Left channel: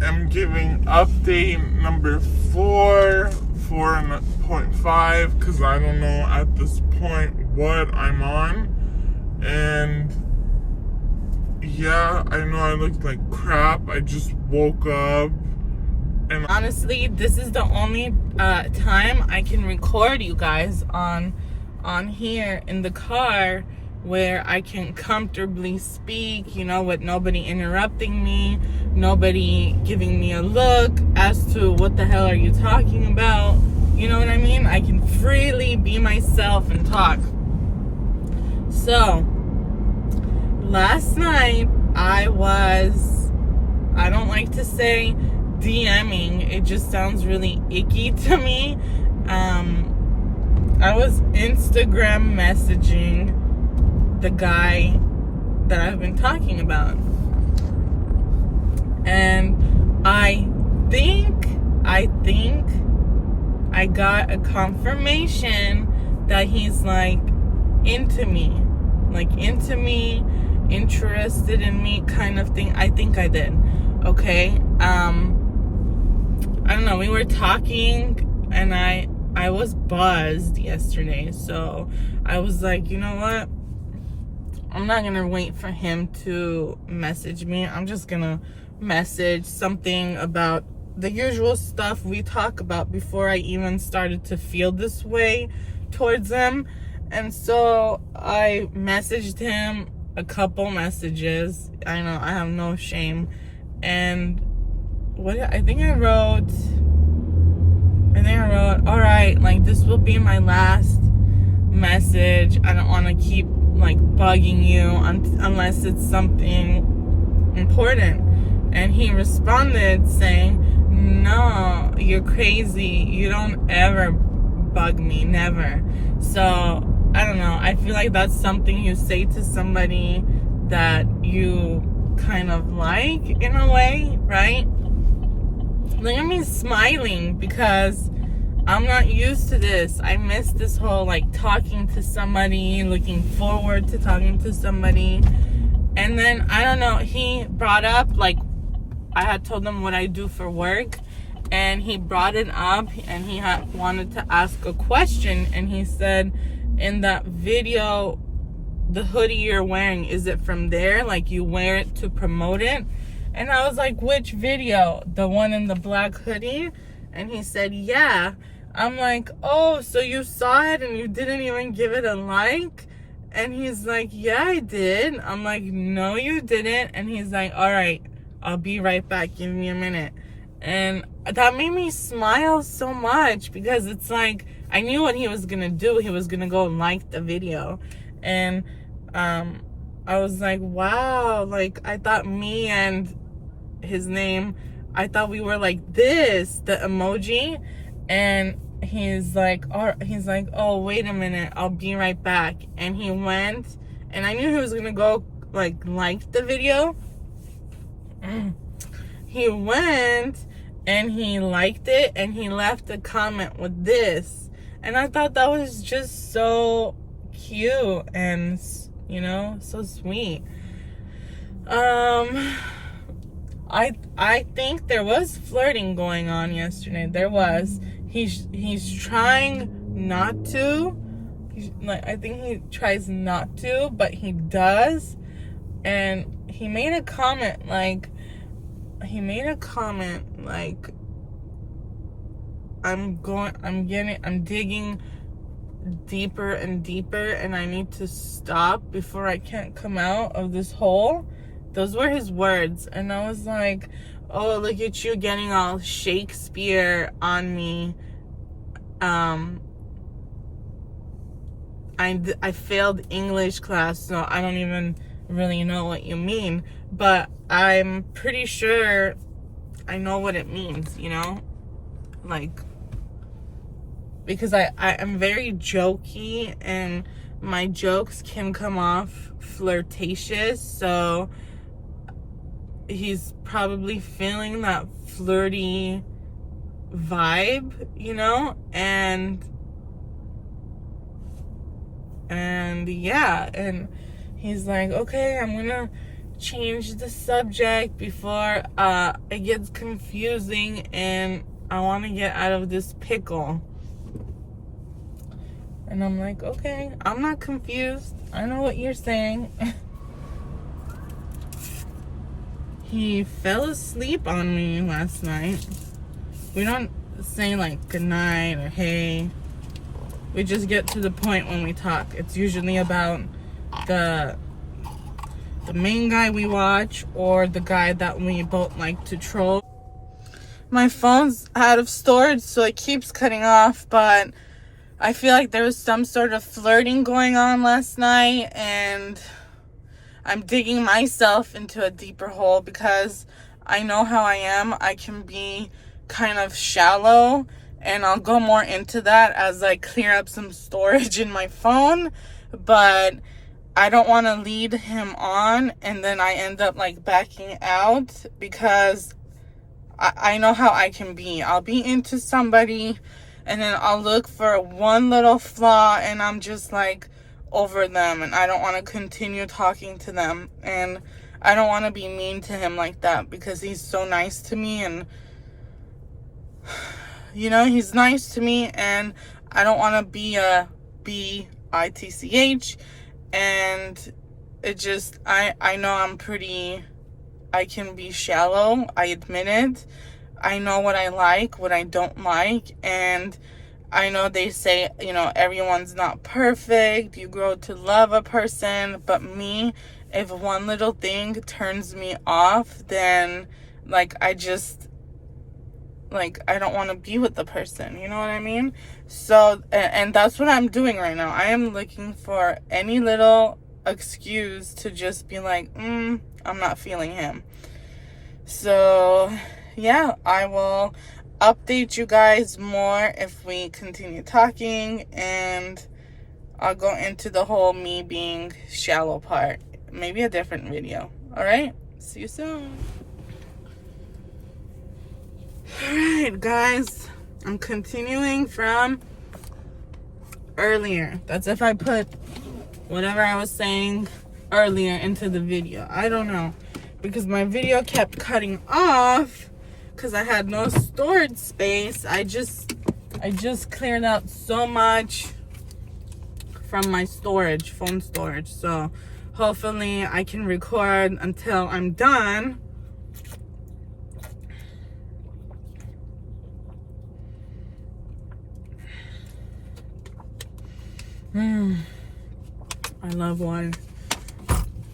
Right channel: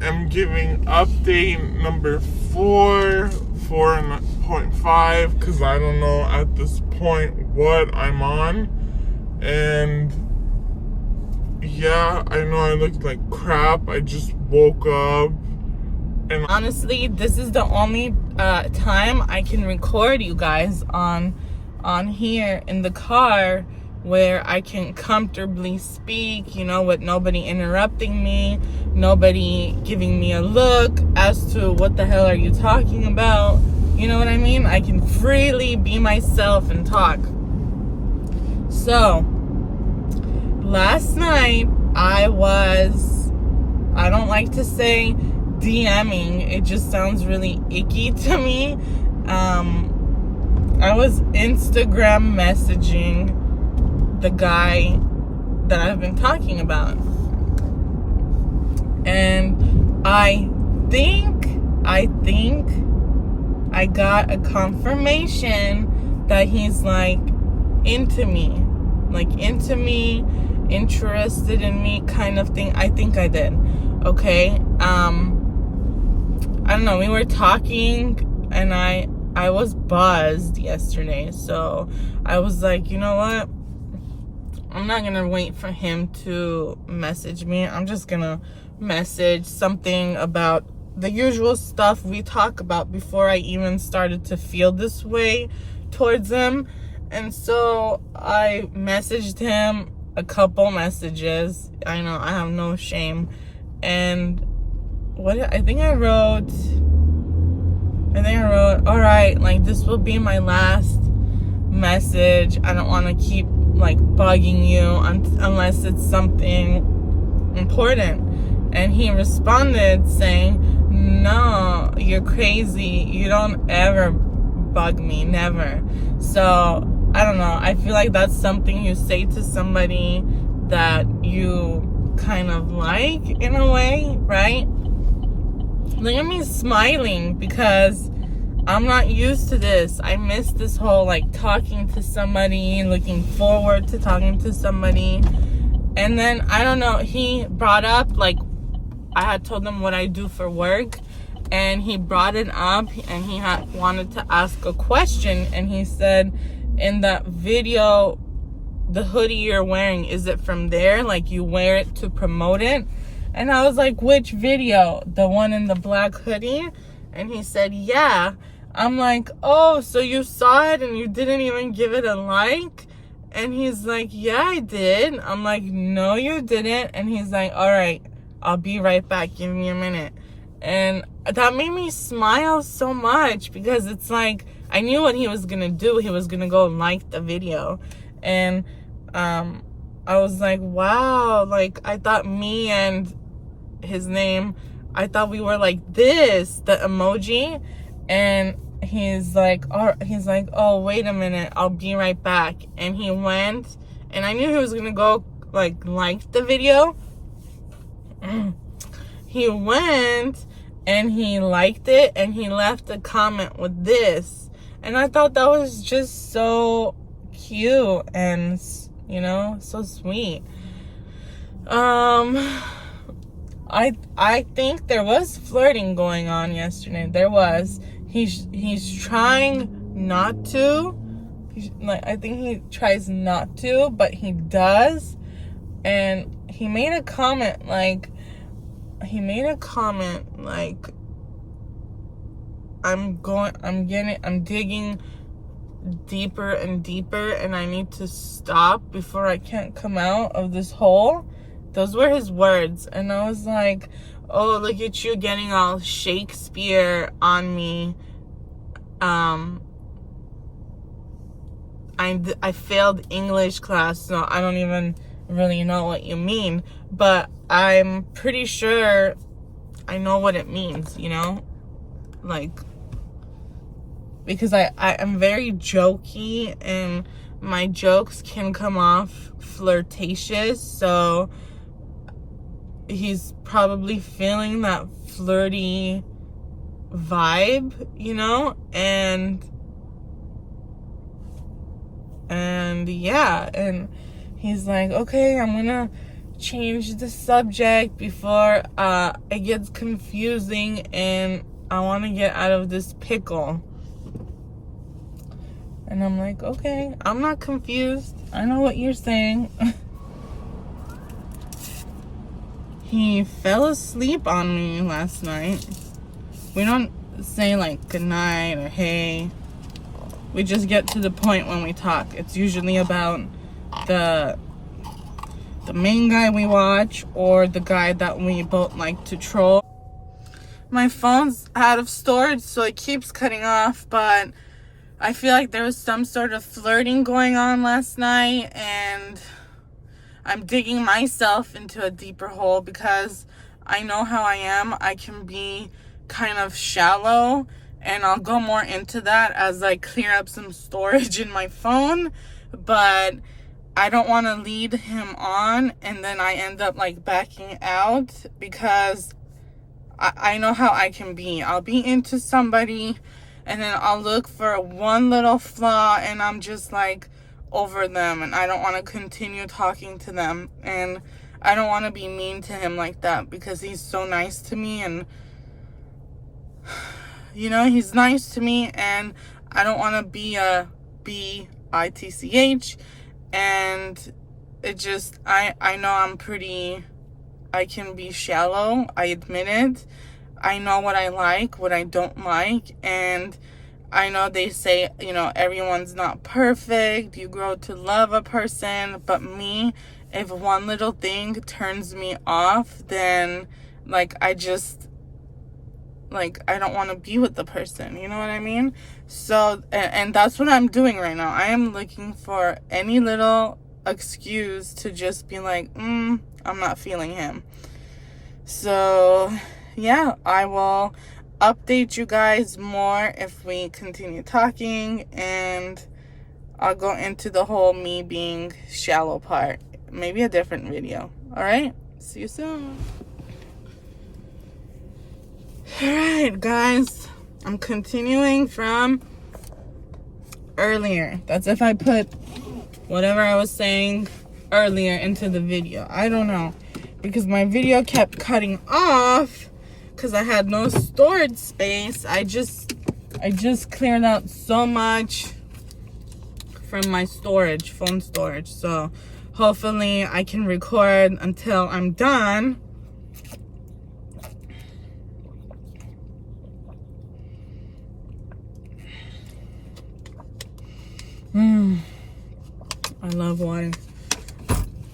I am giving update number 4.5, because I don't know at this point what I'm on. And yeah, I know I look like crap. I just woke up. And honestly, this is the only time I can record you guys on here in the car, where I can comfortably speak, you know, with nobody interrupting me, nobody giving me a look as to what the hell are you talking about. You know what I mean? I can freely be myself and talk. So last night I don't like to say DMing, it just sounds really icky to me. I was Instagram messaging the guy that I've been talking about, and I think I got a confirmation that he's like into me, interested in me kind of thing. I think I did. Okay. I don't know, we were talking and I was buzzed yesterday, so I was like, you know what, I'm not gonna wait for him to message me. I'm just gonna message something about the usual stuff we talk about before I even started to feel this way towards him. And so I messaged him a couple messages. I know, I have no shame. And I think I wrote, all right, like, this will be my last message. I don't want to keep like bugging you unless it's something important. And he responded saying, no, you're crazy, you don't ever bug me, never. So I don't know, I feel like that's something you say to somebody that you kind of like, in a way, right? Look at me smiling because I'm not used to this. I miss this whole like talking to somebody, looking forward to talking to somebody. And then I don't know, he brought up, like, I had told him what I do for work, and he brought it up and he wanted to ask a question. And he said, in that video, the hoodie you're wearing, is it from there? Like, you wear it to promote it? And I was like, which video? The one in the black hoodie? And he said, yeah. I'm like, oh, so you saw it and you didn't even give it a like? And he's like, yeah, I did. I'm like, no, you didn't. And he's like, all right, I'll be right back. Give me a minute. And that made me smile so much, because it's like, I knew what he was going to do. He was going to go like the video. And I was like, wow, like, I thought me and his name, I thought we were like this, the emoji. And he's like, oh, wait a minute, I'll be right back. And he went, and I knew he was gonna go like the video. He went and he liked it, and he left a comment with this. And I thought that was just so cute and, you know, so sweet. I think there was flirting going on yesterday. There was. He's trying not to. I think he tries not to, but he does. And he made a comment like, I'm digging deeper and deeper, and I need to stop before I can't come out of this hole. Those were his words. And I was like, oh, look at you getting all Shakespeare on me. I failed English class, so I don't even really know what you mean, but I'm pretty sure I know what it means, you know? Like, because I am very jokey, and my jokes can come off flirtatious, so he's probably feeling that flirty vibe, you know? And yeah, and he's like, okay, I'm gonna change the subject before it gets confusing and I want to get out of this pickle. And I'm like, okay, I'm not confused. I know what you're saying. He fell asleep on me last night. We don't say like good night or hey. We just get to the point when we talk. It's usually about the main guy we watch or the guy that we both like to troll. My phone's out of storage, so it keeps cutting off, but I feel like there was some sort of flirting going on last night, and I'm digging myself into a deeper hole because I know how I am. I can be kind of shallow, and I'll go more into that as I clear up some storage in my phone, but I don't want to lead him on and then I end up like backing out because I know how I can be. I'll be into somebody and then I'll look for one little flaw and I'm just like over them and I don't want to continue talking to them, and I don't want to be mean to him like that because he's so nice to me, and you know, he's nice to me and I don't want to be a bitch. And it just, I know I can be shallow, I admit it. I know what I like, what I don't like, and I know they say, you know, everyone's not perfect, you grow to love a person, but me, if one little thing turns me off, then, like, I don't want to be with the person, you know what I mean? So, and that's what I'm doing right now. I am looking for any little excuse to just be like, I'm not feeling him. So, yeah, I will update you guys more if we continue talking, and I'll go into the whole me being shallow part. Maybe a different video. All right? See you soon. Alright guys, I'm continuing from earlier. That's if I put whatever I was saying earlier into the video. I don't know, because my video kept cutting off because I had no storage space. I just cleared out so much from my storage, phone storage. So hopefully I can record until I'm done. I love water.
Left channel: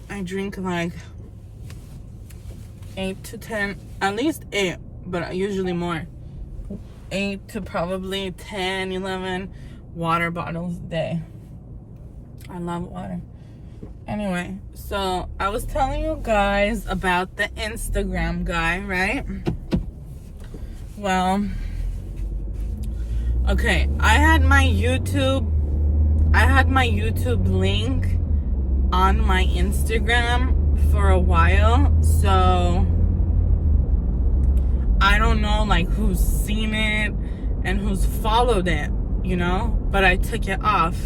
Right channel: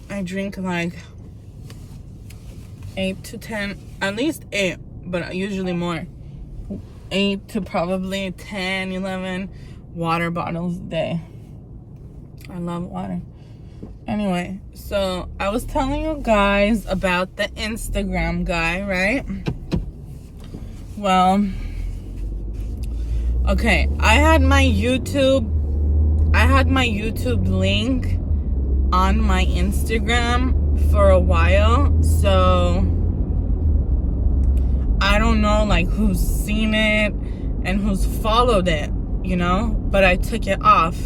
I drink like 8 to 10, at least 8, but usually more. 8 to probably 10, 11 water bottles a day. I love water. Anyway, so I was telling you guys about the Instagram guy, right? Well, okay, I had my YouTube link on my Instagram for a while, so I don't know like who's seen it and who's followed it, you know, but I took it off.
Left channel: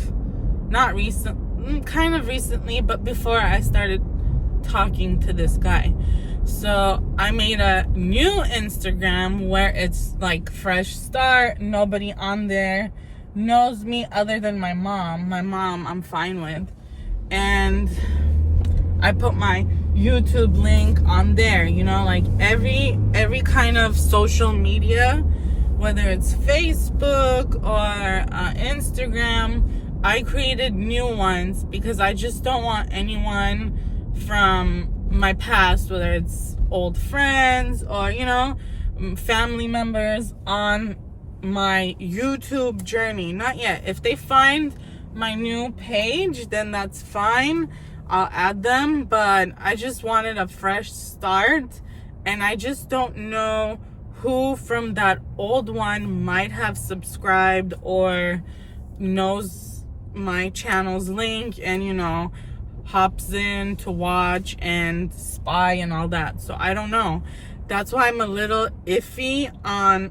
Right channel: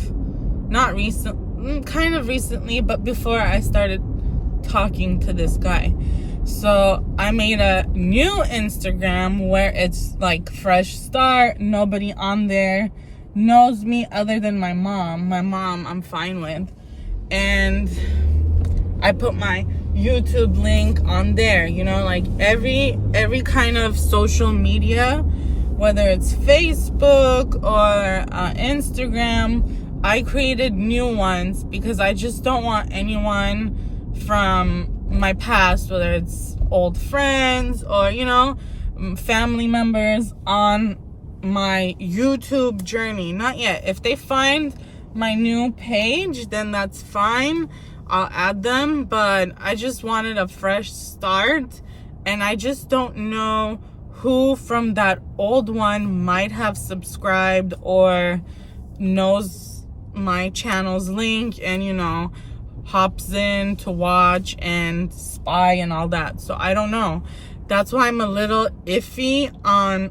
Not recent, kind of recently, but before I started talking to this guy. So I made a new Instagram where it's like fresh start. Nobody on there knows me other than my mom. My mom I'm fine with. And I put my YouTube link on there, you know, like every kind of social media, whether it's Facebook or Instagram, I created new ones because I just don't want anyone from my past, whether it's old friends or, you know, family members on my YouTube journey. Not yet. If they find my new page, then that's fine. I'll add them, but I just wanted a fresh start, and I just don't know who from that old one might have subscribed or knows my channel's link and, you know, hops in to watch and spy and all that. So I don't know. That's why I'm a little iffy on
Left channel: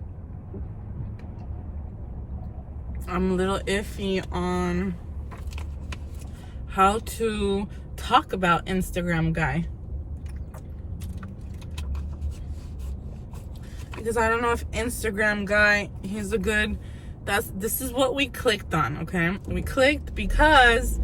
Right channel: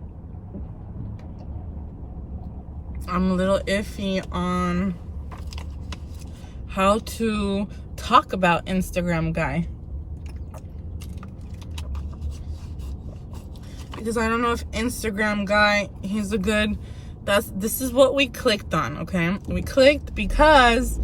how to talk about Instagram guy. because I don't know if Instagram guy, he's a good, this is what we clicked on, okay? We clicked because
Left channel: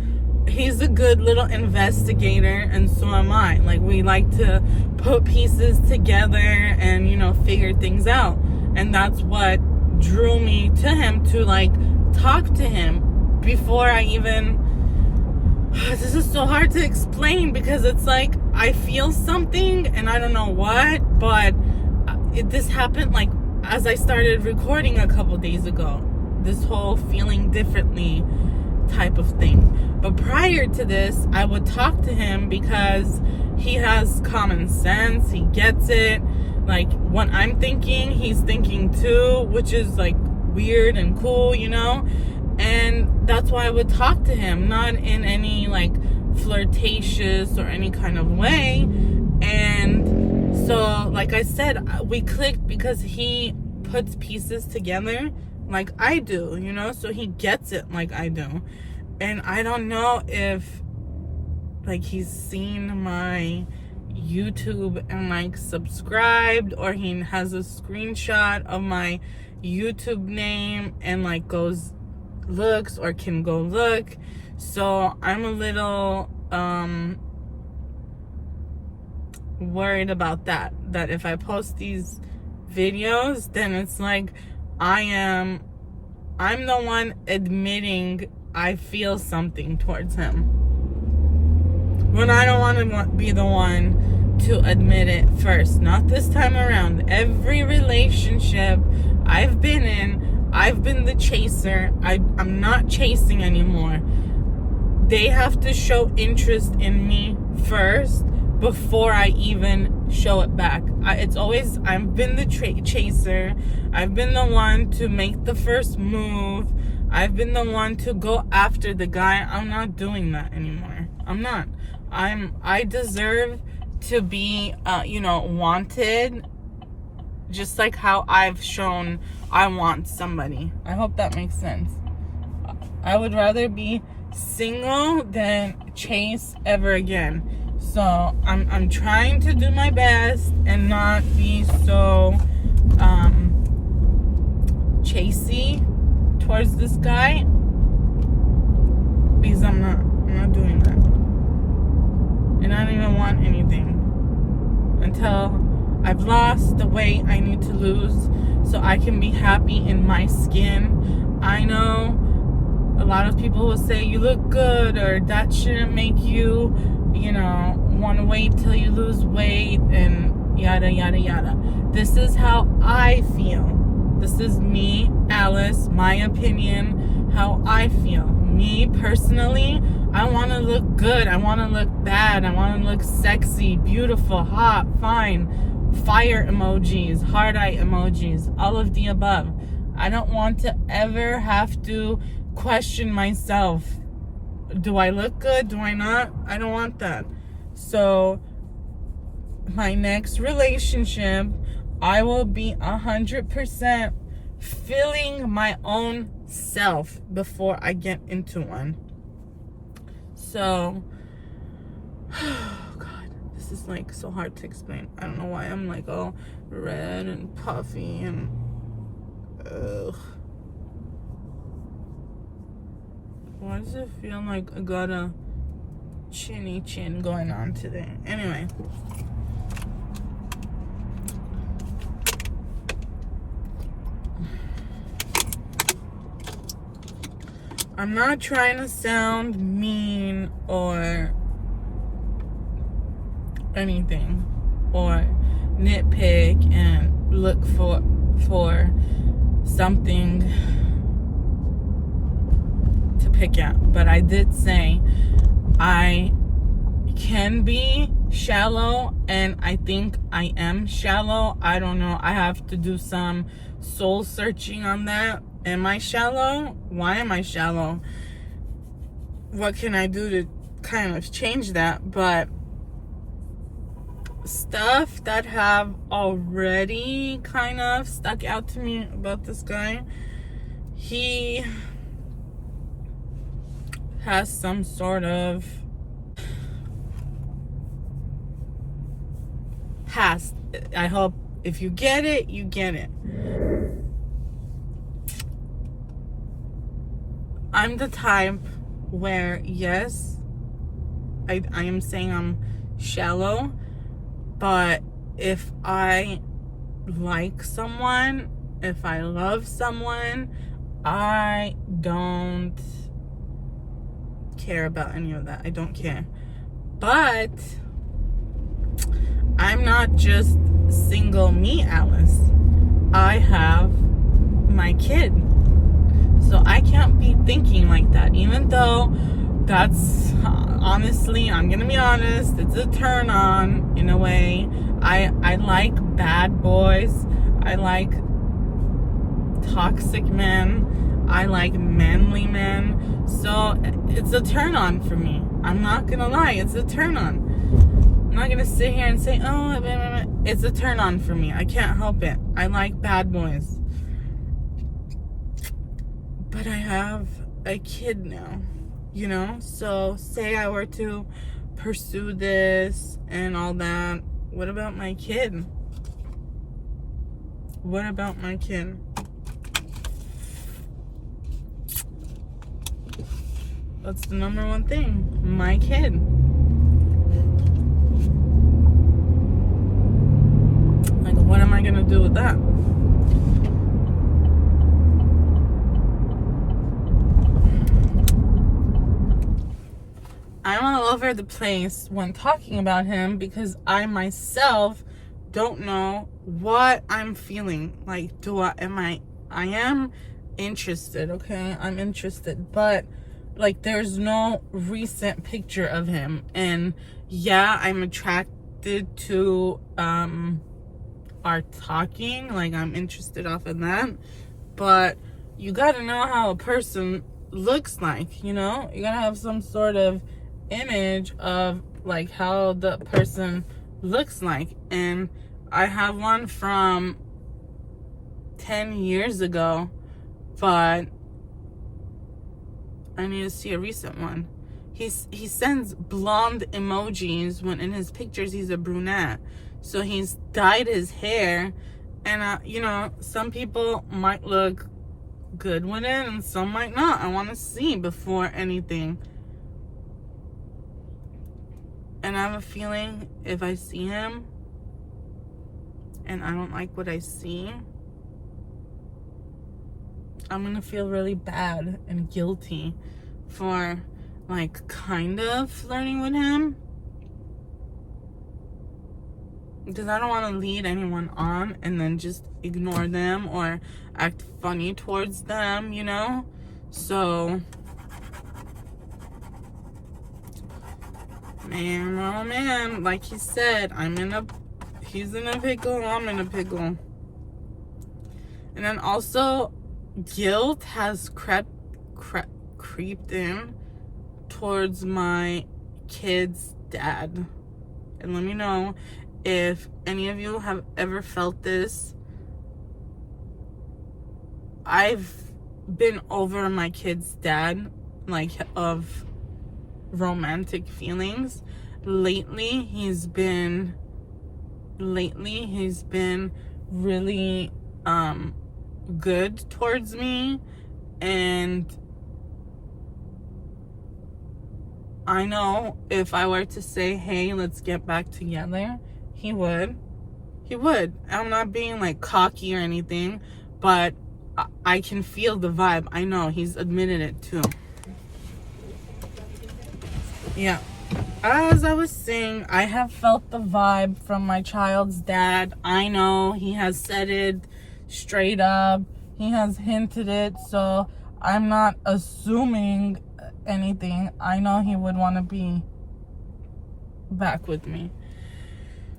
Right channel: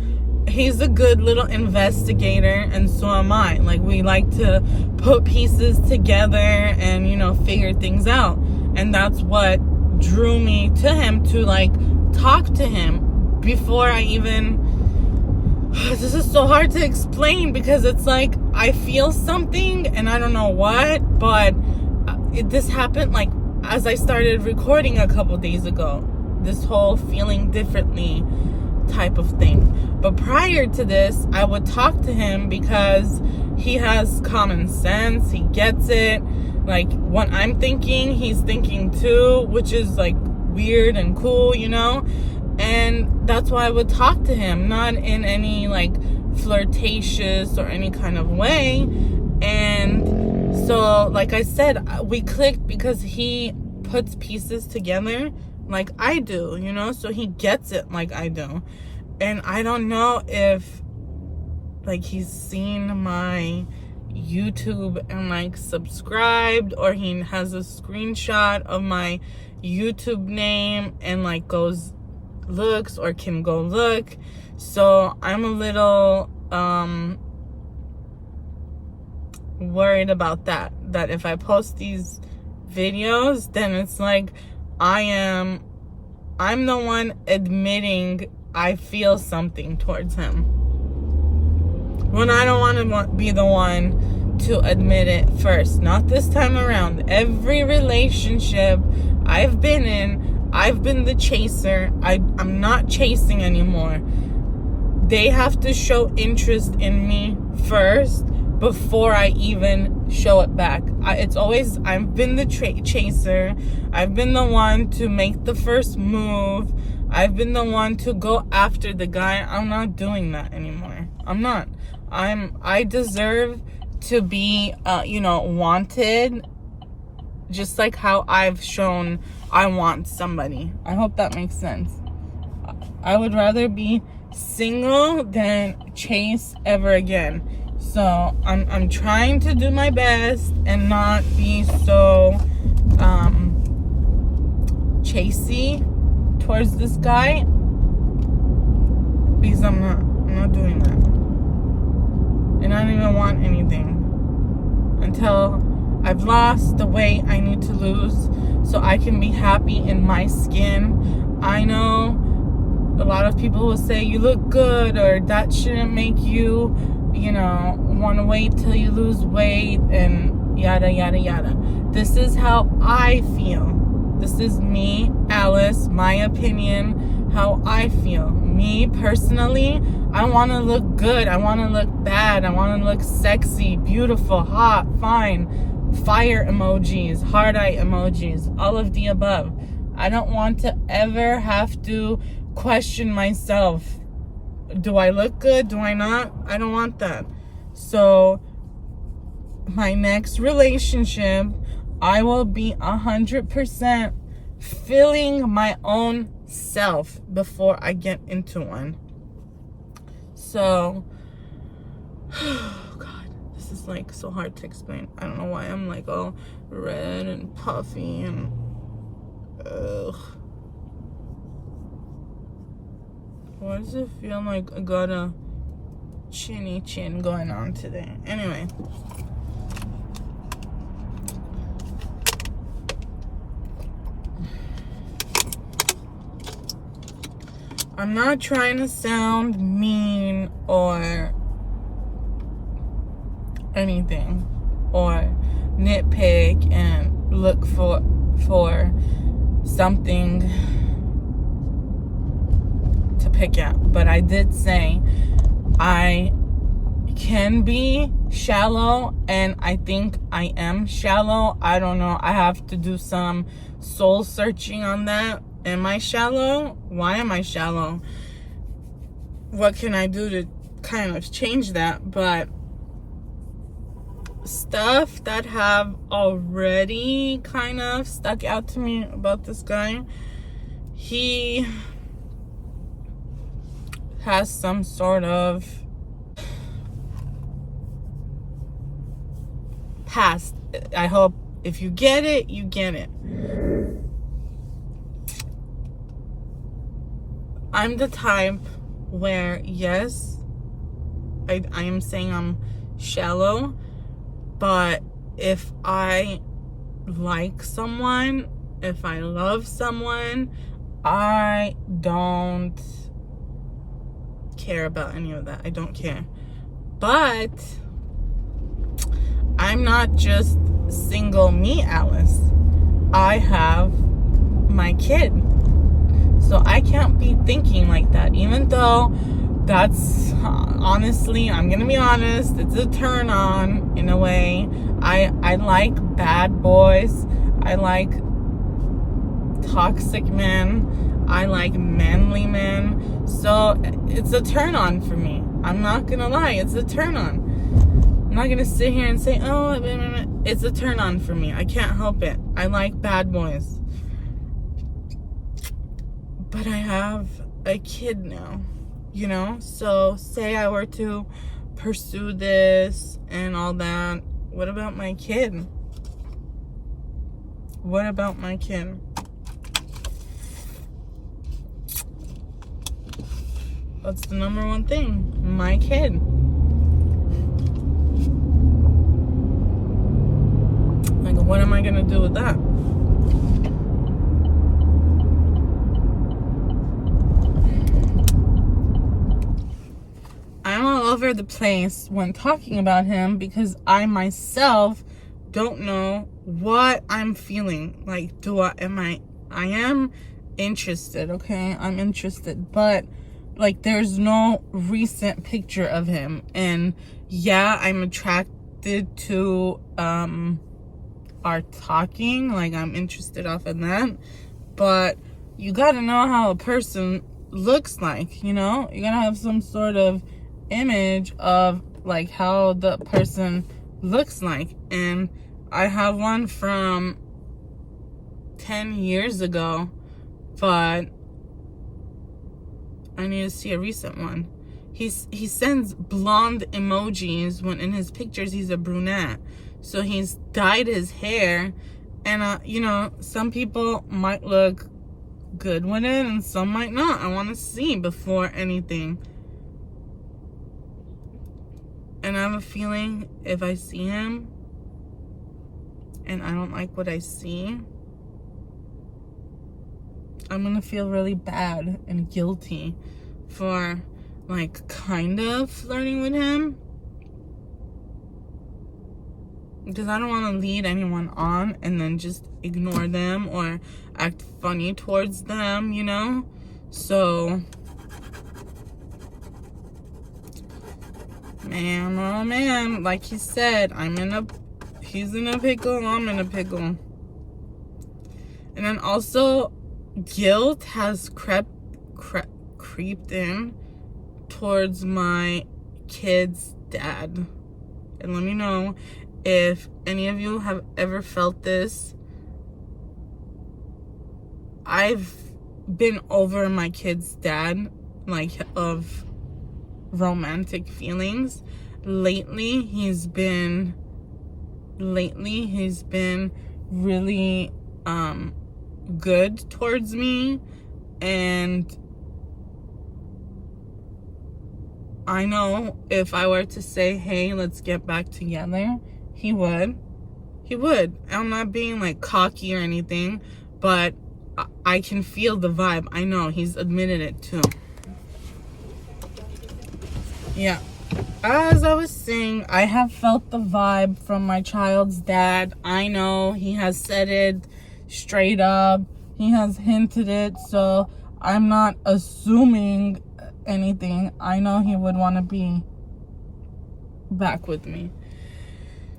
he's a good little investigator, and so am I. Like, we like to put pieces together and, you know, figure things out. And that's what drew me to him, to like talk to him before I even, this is so hard to explain, because it's like I feel something and I don't know what, but this happened like as I started recording a couple days ago, this whole feeling differently type of thing. But prior to this, I would talk to him because he has common sense, he gets it. Like, when I'm thinking, he's thinking too, which is like weird and cool, you know? And that's why I would talk to him, not in any like flirtatious or any kind of way. And so, like I said, we clicked because he puts pieces together like I do, you know? So he gets it like I do. And I don't know if like he's seen my YouTube and like subscribed, or he has a screenshot of my YouTube name and like looks or can go look. So I'm a little worried about that if I post these videos, then it's like I'm the one admitting I feel something towards him, when I don't want to be the one to admit it first. Not this time around. Every relationship I've been in, I've been the chaser. I'm not chasing anymore. They have to show interest in me first before I even show it back. It's always, I've been the chaser. I've been the one to make the first move. I've been the one to go after the guy. I'm not doing that anymore. I'm not. I deserve to be, you know, wanted, just like how I've shown I want somebody. I hope that makes sense. I would rather be single than chase ever again. So I'm trying to do my best and not be so chasey towards this guy, because I'm not doing that. And I don't even want anything until I've lost the weight I need to lose so I can be happy in my skin. I know a lot of people will say you look good, or that shouldn't make you, you know, want to wait till you lose weight and yada yada yada. This is how I feel. This is me, Alice, my opinion, how I feel. Me personally, I want to look good. I want to look bad. I want to look sexy, beautiful, hot, fine, fire emojis, heart eye emojis, all of the above. I don't want to ever have to question myself. Do I look good? Do I not? I don't want that. So my next relationship, I will be 100% feeling my own self before I get into one. So, oh God, this is like so hard to explain. I don't know why I'm like all red and puffy and ugh. Why does it feel like I got a chinny chin going on today? Anyway. I'm not trying to sound mean or anything, or nitpick and look for something to pick at. But I did say I can be shallow, and I think I am shallow. I don't know. I have to do some soul searching on that. Am I shallow? Why am I shallow? What can I do to kind of change that? But stuff that have already kind of stuck out to me about this guy, he has some sort of past. I hope If you get it, you get it. I'm the type where, yes, I am saying I'm shallow, but if I like someone, if I love someone, I don't care about any of that. I don't care. But I'm not just single me, Alice. I have my kid. So I can't be thinking like that, even though that's honestly, I'm gonna be honest, it's a turn on in a way. I like bad boys. I like toxic men. I like manly men. So it's a turn on for me. I'm not gonna lie, it's a turn on. I'm not gonna sit here and say, oh, it's a turn on for me. I can't help it. I like bad boys. But I have a kid now, you know? So say I were to pursue this and all that, what about my kid? What about my kid? That's the number one thing, my kid. Like, what am I gonna do with that? I'm all over the place when talking about him because I myself don't know what I'm feeling. Like, I am interested, okay? I'm interested, but like, there's no recent picture of him. And yeah, I'm attracted to our talking, like I'm interested off of that, but you gotta know how a person looks like, you know? You gotta have some sort of image of like how the person looks like, and I have one from 10 years ago, but I need to see a recent one. He sends blonde emojis when in his pictures he's a brunette, so he's dyed his hair, and you know, some people might look good with it and some might not. I want to see before anything. And I have a feeling if I see him and I don't like what I see, I'm gonna feel really bad and guilty for like kind of flirting with him, because I don't want to lead anyone on and then just ignore them or act funny towards them, you know? So man, oh man, like he said, he's in a pickle, I'm in a pickle. And then also, guilt has creeped in towards my kid's dad. And let me know if any of you have ever felt this. I've been over my kid's dad, like, of romantic feelings. Lately he's been really good towards me, and I know if I were to say, hey, let's get back together, he would. I'm not being like cocky or anything, but I can feel the vibe. I know he's admitted it too. Yeah, as I was saying, I have felt the vibe from my child's dad. I know he has said it straight up, he has hinted it, so I'm not assuming anything. I know he would want to be back with me.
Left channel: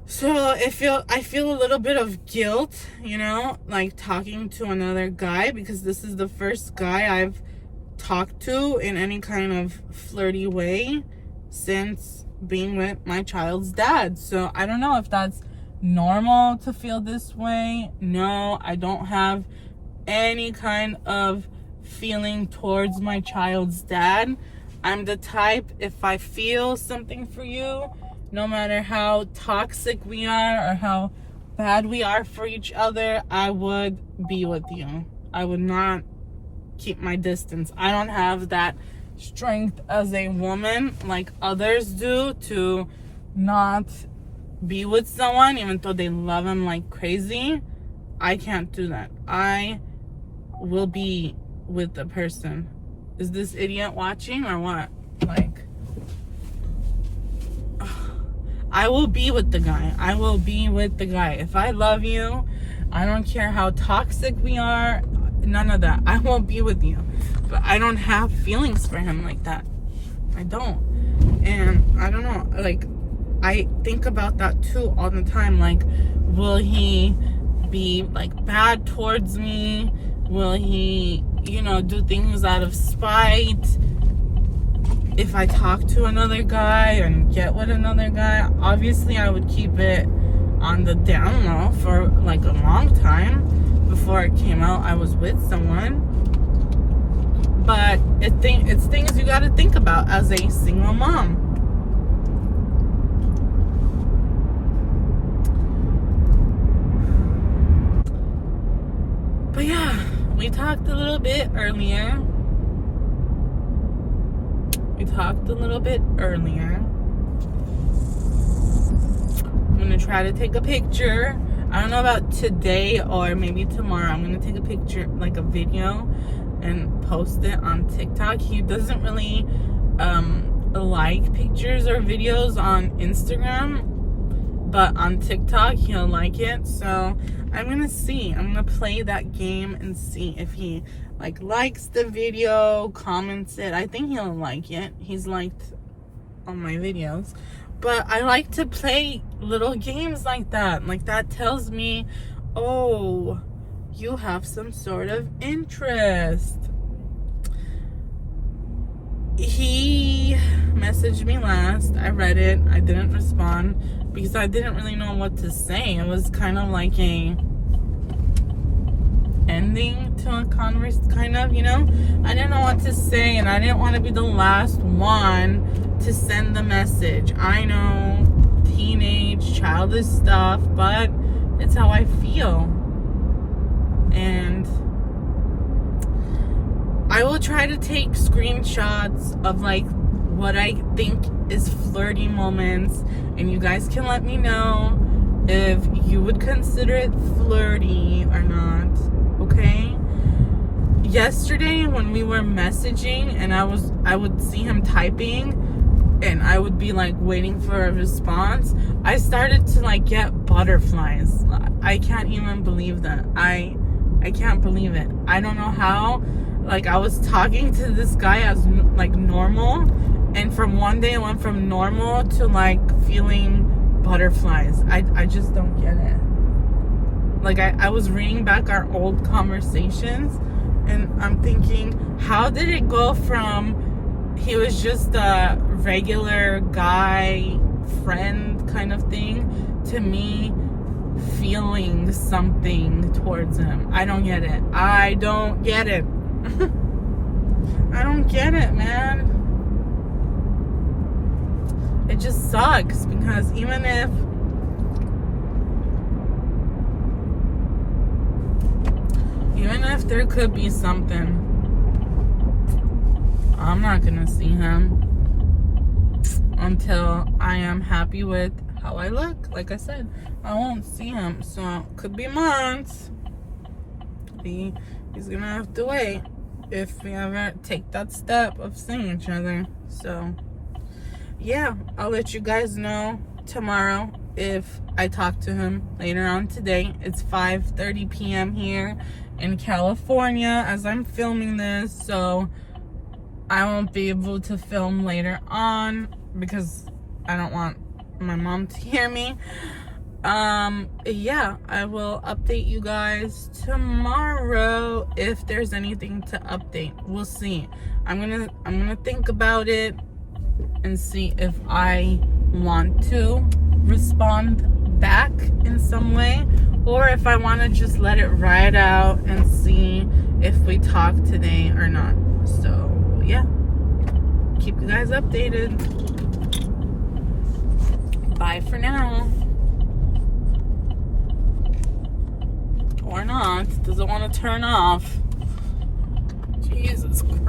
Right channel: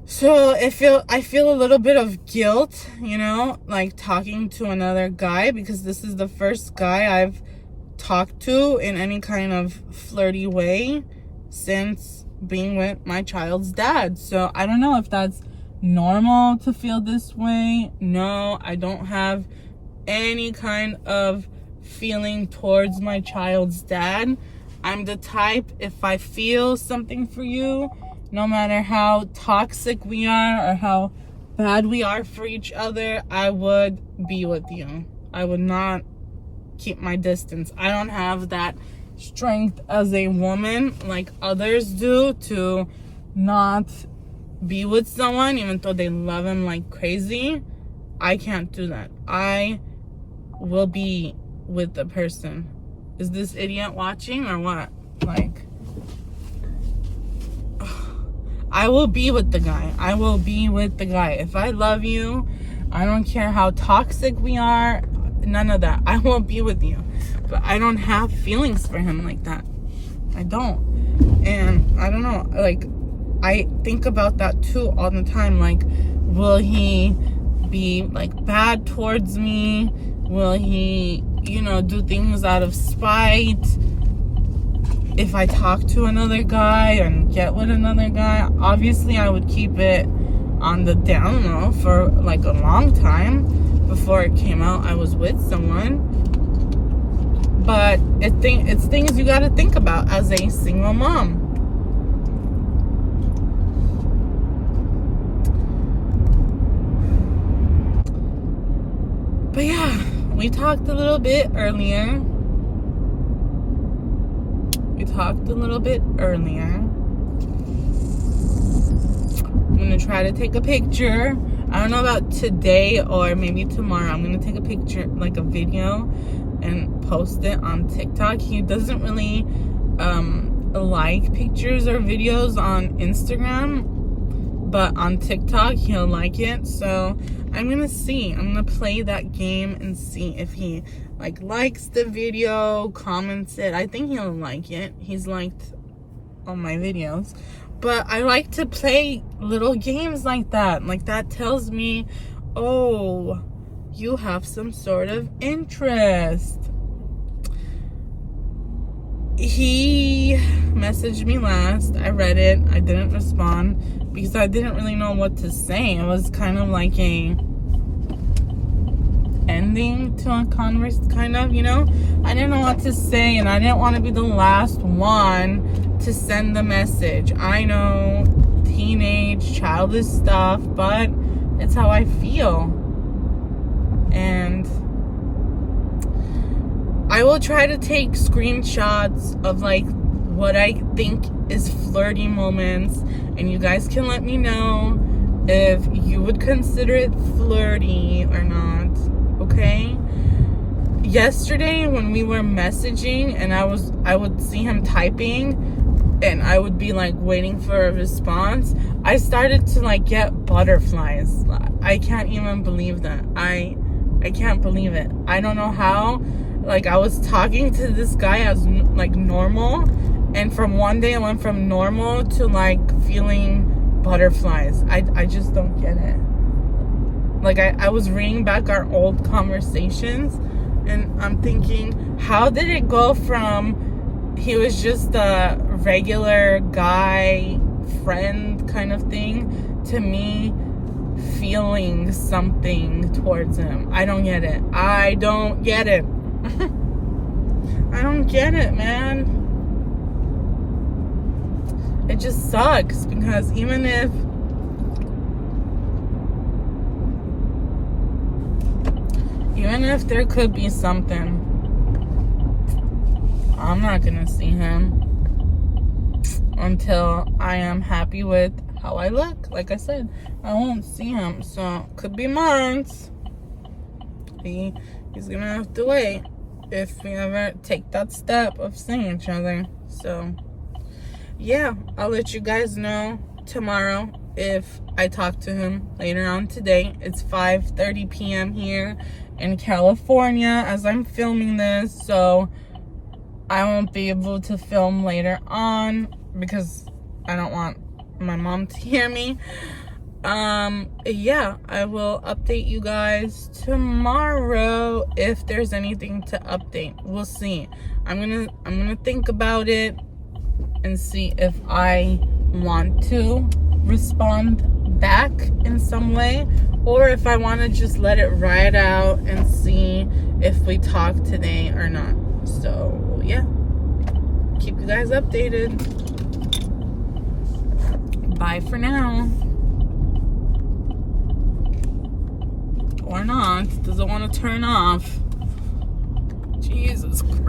So I feel a little bit of guilt, you know, like talking to another guy, because this is the first guy I've talked to in any kind of flirty way since being with my child's dad. So I don't know if that's normal to feel this way. No, I don't have any kind of feeling towards my child's dad. I'm the type, if I feel something for you, no matter how toxic we are or how bad we are for each other, I would be with you. I would not keep my distance. I don't have that strength as a woman like others do to not be with someone even though they love him like crazy. I can't do that. I will be with the person. Is this idiot watching or what? Like, I will be with the guy. I will be with the guy. If I love you, I don't care how toxic we are, none of that. I won't be with you. But I don't have feelings for him like that. I don't. And I don't know, like, I think about that too all the time. Like, will he be like bad towards me? Will he, you know, do things out of spite? If I talk to another guy and get with another guy, obviously I would keep it on the down low for like a long time before it came out I was with someone. But it's things you gotta think about as a single mom. But yeah, we talked a little bit earlier. I'm gonna try to take a picture. I don't know about today or maybe tomorrow. I'm gonna take a picture, like a video, and post it on TikTok. He doesn't really like pictures or videos on Instagram, but on TikTok he'll like it. So I'm gonna see. I'm gonna play that game and see if he like likes the video, comments it. I think he'll like it. He's liked all my videos. But I like to play little games like that. Like, that tells me, oh, you have some sort of interest. He messaged me last. I read it. I didn't respond because I didn't really know what to say. It was kind of like a ending to a converse, kind of, you know? I didn't know what to say, and I didn't want to be the last one to send the message. I know, teenage, childish stuff, but it's how I feel. And I will try to take screenshots of like what I think is flirty moments, and you guys can let me know if you would consider it flirty or not, okay? Yesterday when we were messaging and I would see him typing and I would be like waiting for a response, I started to like get butterflies. I can't even believe that. I can't believe it. I don't know how. Like, I was talking to this guy as like normal, and from one day it went from normal to like feeling butterflies. I just don't get it. Like, I was reading back our old conversations and I'm thinking, how did it go from he was just a regular guy friend kind of thing to me feeling something towards him? I don't get it. I don't get it, man. It just sucks because even if there could be something, I'm not gonna see him until I am happy with how I look. Like I said, I won't see him, so could be months. He's gonna have to wait if we ever take that step of seeing each other. So yeah, I'll let you guys know tomorrow if I talk to him later on today. It's 5:30 p.m. here in California as I'm filming this, so I won't be able to film later on because I don't want my mom to hear me. Yeah, I will update you guys tomorrow if there's anything to update. We'll see. I'm gonna think about it and see if I want to respond back in some way, or if I want to just let it ride out and see if we talk today or not. So yeah, keep you guys updated. Bye for now. Or not. Doesn't want to turn off. Jesus Christ.